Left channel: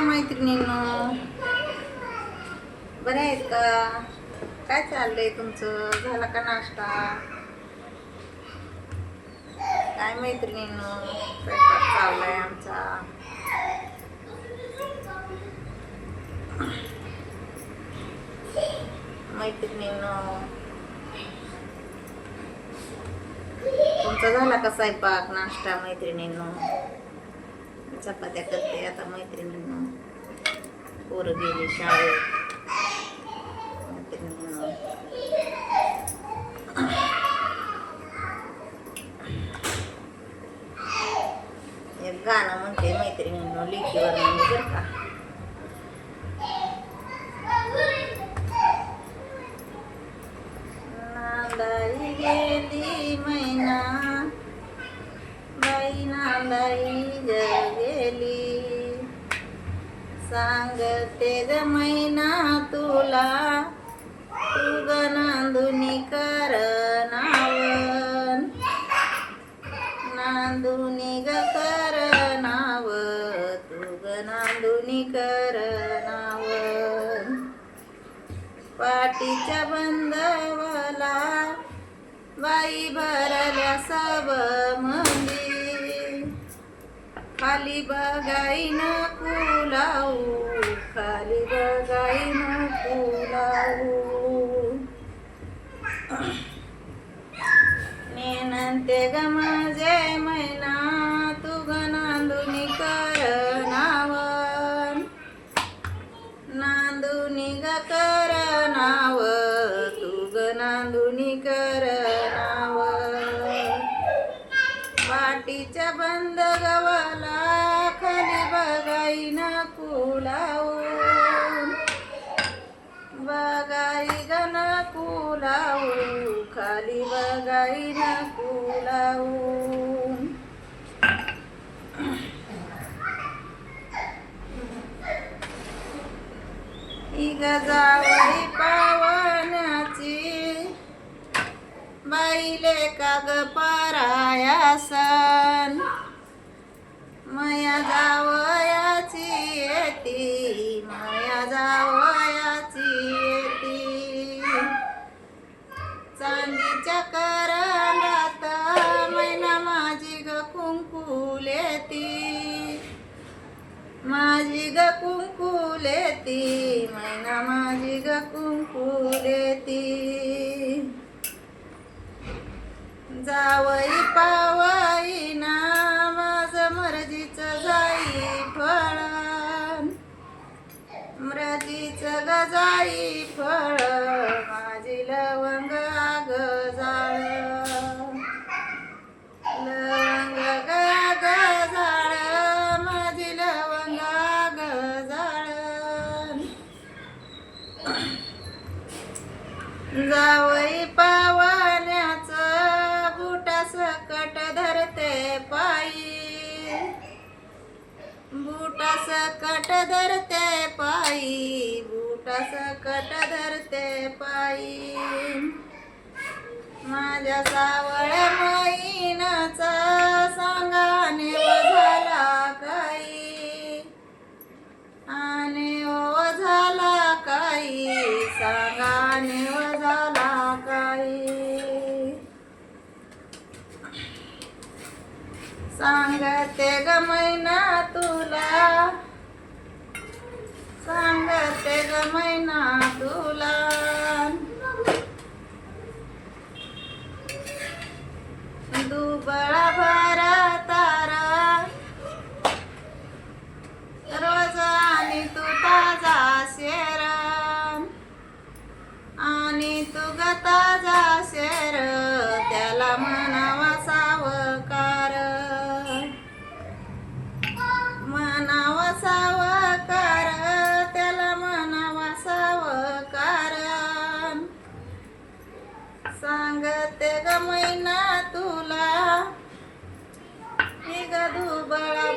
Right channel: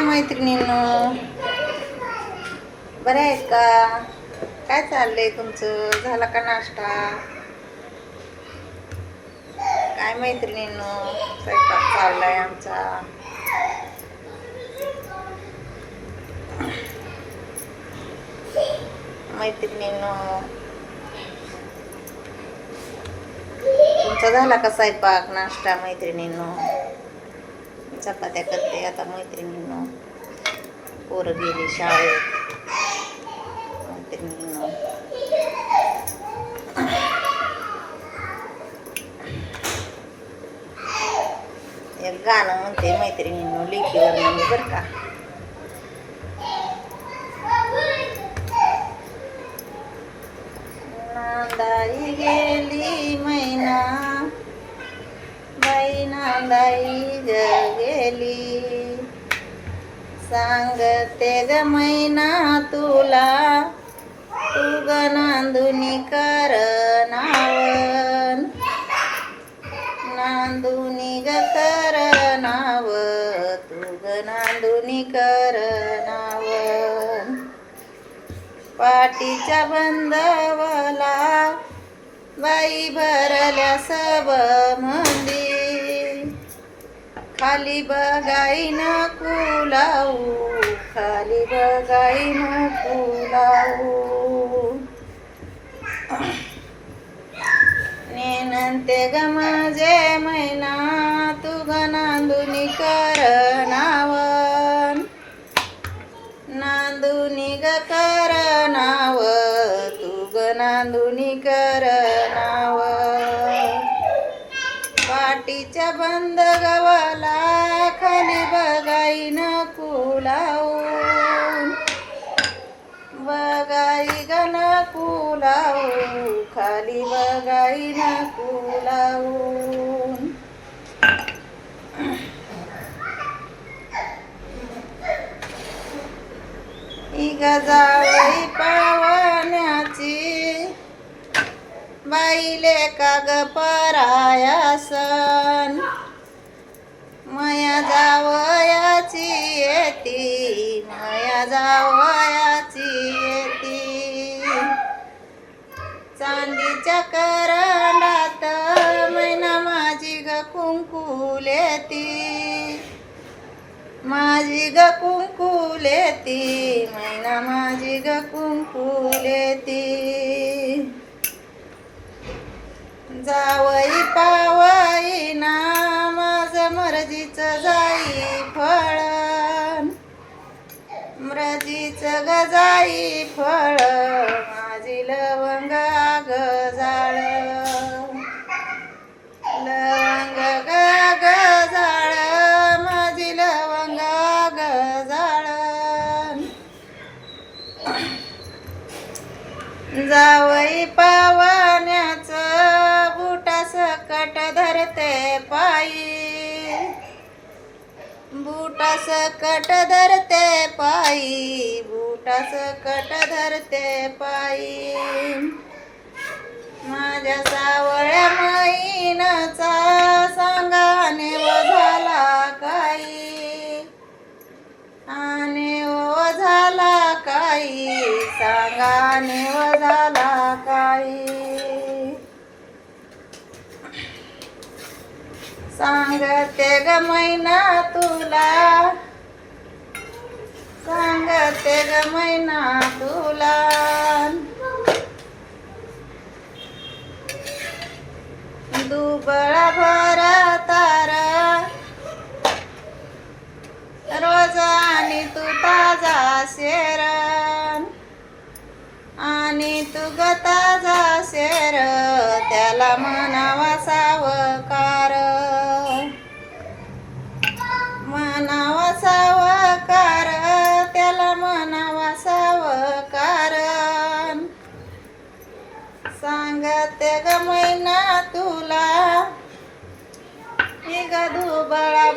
मैत्रिणीनो? बरे आहेत का? काय चाललंय तुमचं? झाला का नाश्ता? काय मैत्रिणीनो? स्वयंपाक चाललाय आमचा. मैत्रिणीनो तुमचा झाला का स्वयंपाक नाश्ता मैत्रिणीनो? चपात्या करते आता मैत्रिणींनो. पोरं गेली शाळेत. एक गाणं म्हणते मैत्रिणींनो लिखीवर म्हणजे बरं का. नांदाई गेली मैना बाई नांदाई ग गेली. सांग ग मैना तुला तू नांदुनी कर नावन. नांदुनी ग कर नाव तू ग नांदुनी कर नावन. पाटीच्या बंदवला बाई भरल्या सब मंदी. खाली बघाईन कुलाऊ खाली कुलाऊ नेनंते ग माझे मैना तू नांदुनी कर नाव नांदुनी ग कर नाव तू गाईन बघाईन कुलावून. इग जावई पावण्याची बाईले काग परायासन. मया जावयाची येती मया जावयाची येती. चांदीच्या माझी ग कुंकुलेती मैना माझी ग कुंकुलेती. जावई पावई ना माझ मर्जीच जाई फळ. मर्जीच ग जाई जावई पावण्याच बुटा सकट धरते पायी. बुटा सकट धरते पायी बुटा सकट धरते पायी. माझ्या सावळ्या मैनाचा सांगाने झाला काही. सांगते ग मैना तुला. सांगते ग मैना तुला. दुबळा करता जासेर त्याला म्हणावा सावकार. म्हणावा सावकार त्याला म्हणावा सावकार. सांगते ग महिना तुला निघ दुबळा